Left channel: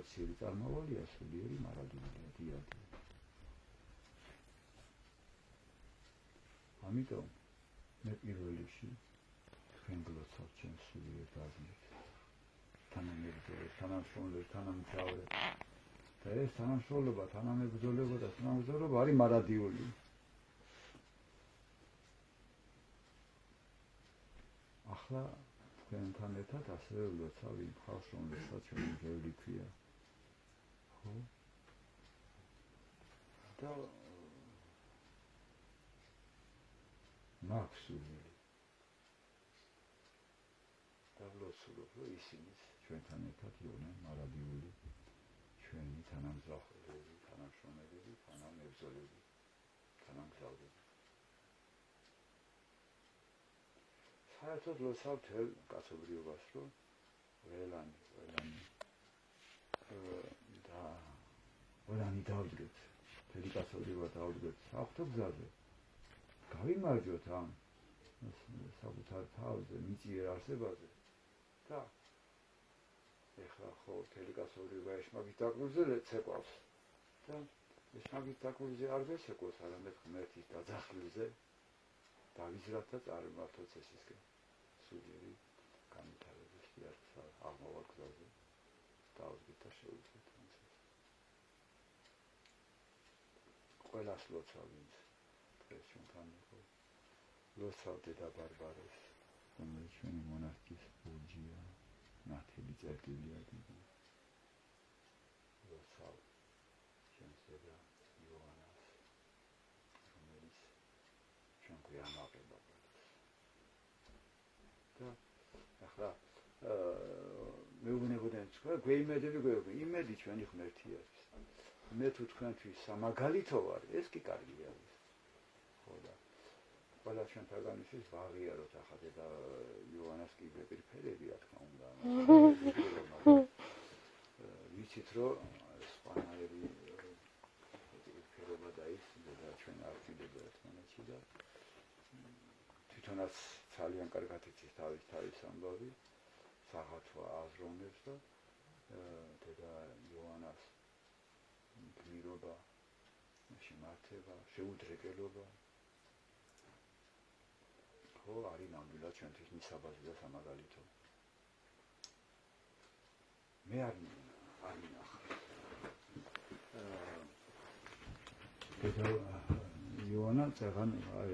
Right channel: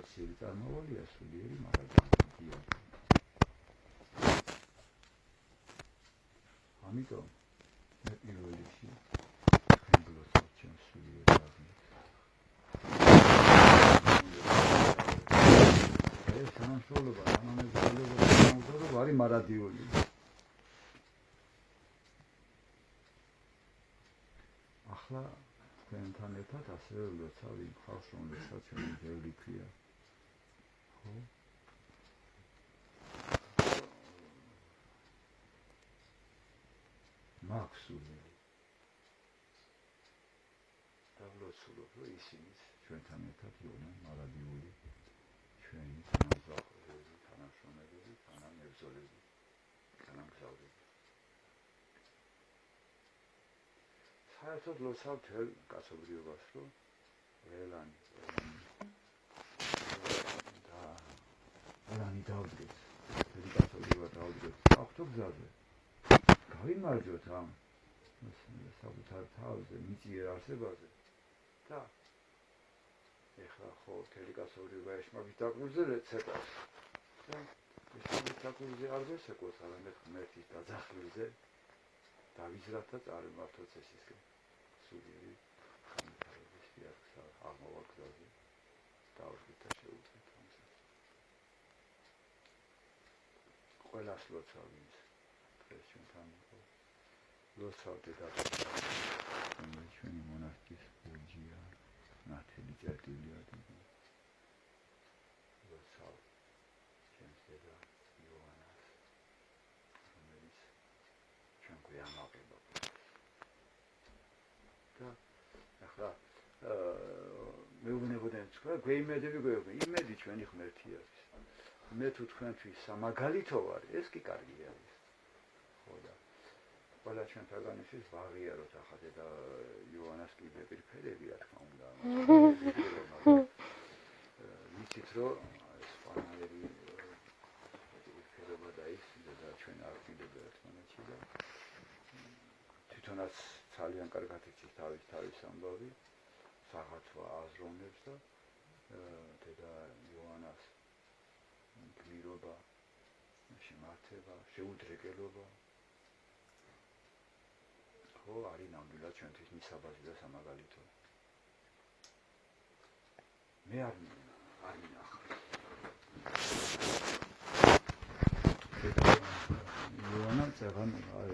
ხორციელი წარმავალია სულიერი მარადია. ამიტომ მე პირველ რიგში თქვენ გლოცავთ ჩემს სულიერ რაზმით. ეს თანამშრომლობა, თანამებრძოლობა და თანამგზავრობა არის მარადიული. ახლა თქვენთან ერთად ასევე ვლოცავ იმ ხალხს, რომელსაც ჩვენი ძველი ქვია. ხო? მაქვს სულიერი. და ვლოცულობ, რომ ისინიც ჩვენთან ერთად იყვნენ მარადიული ჩვენი თანამგზავრები, თანამშრომლები, თანამებრძოლები, თანამგზავრები. საერთოდ ვლოცავ მთელ კაცობრიობას, რომ ყველანი დავდგეთ, მთელი კაცობრიობა დავდგეთ ავტოგზაზე. გავიმარჯვოთ ამ საკუთარ თავზე, მიწიერ არსებაზე და ეხლა ხო მთელი კაცობრიობა ეშმაკის დაკვრზელეთ ცეკავს და ეშმაკის დაკვრზე არ გასეკოს, არამედ ღმერთის დაძახილზე დავიზრათ და წარმართოთ წესისკენ. სულიერი განვითარების სიარგსა აღმოვალ გზაზე დავუდგეთ და შევუდგეთ ამას. ყველას ვლოცავ იმს დღეს ჩვენთან იყო. ვლოცავ დედაბატონს, რომელიც ჩვენი მონარქის ბურჯია, ნათელი წერტილია დიდი. ვლოცავ ჩემს დედა იოანას, რომელიც ჩვენ გვიამაყება. და ახლა მეუბნებოდნენ თქვა გვეიმედები იმედი ჩვენი ღმერთი არის. მე თუ თქვენთვის სამაგალითო ვარ, ეს კი კარგი არის. ხო და ყველა ჩვენ თაგამისთვის ვაღიაროთ ახლა და იოანას კიდე პირფერები რა თქმა უნდა. ვიცით რომ ეს პანაერი პირფერება და ის და ჩვენ არ ვიდება ერთმანეთში და თვითონაც ძალიან კარგად იცის თავის ამბავი, საღათვა აზროვნებს და დედა იოანას გმირობა, შემართება, შეუდრეკელობა ხო არის ნამდვილად ჩვენთვის მისაბაძი და სამაგალითო. მე არ მინახავ. იოანა წეგან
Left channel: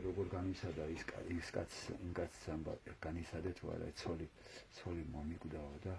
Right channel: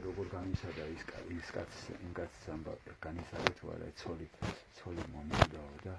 როგორ განიცადა იმ კაცის ამბავი, განიცადა თუ არა ცოლი მომიგდაო და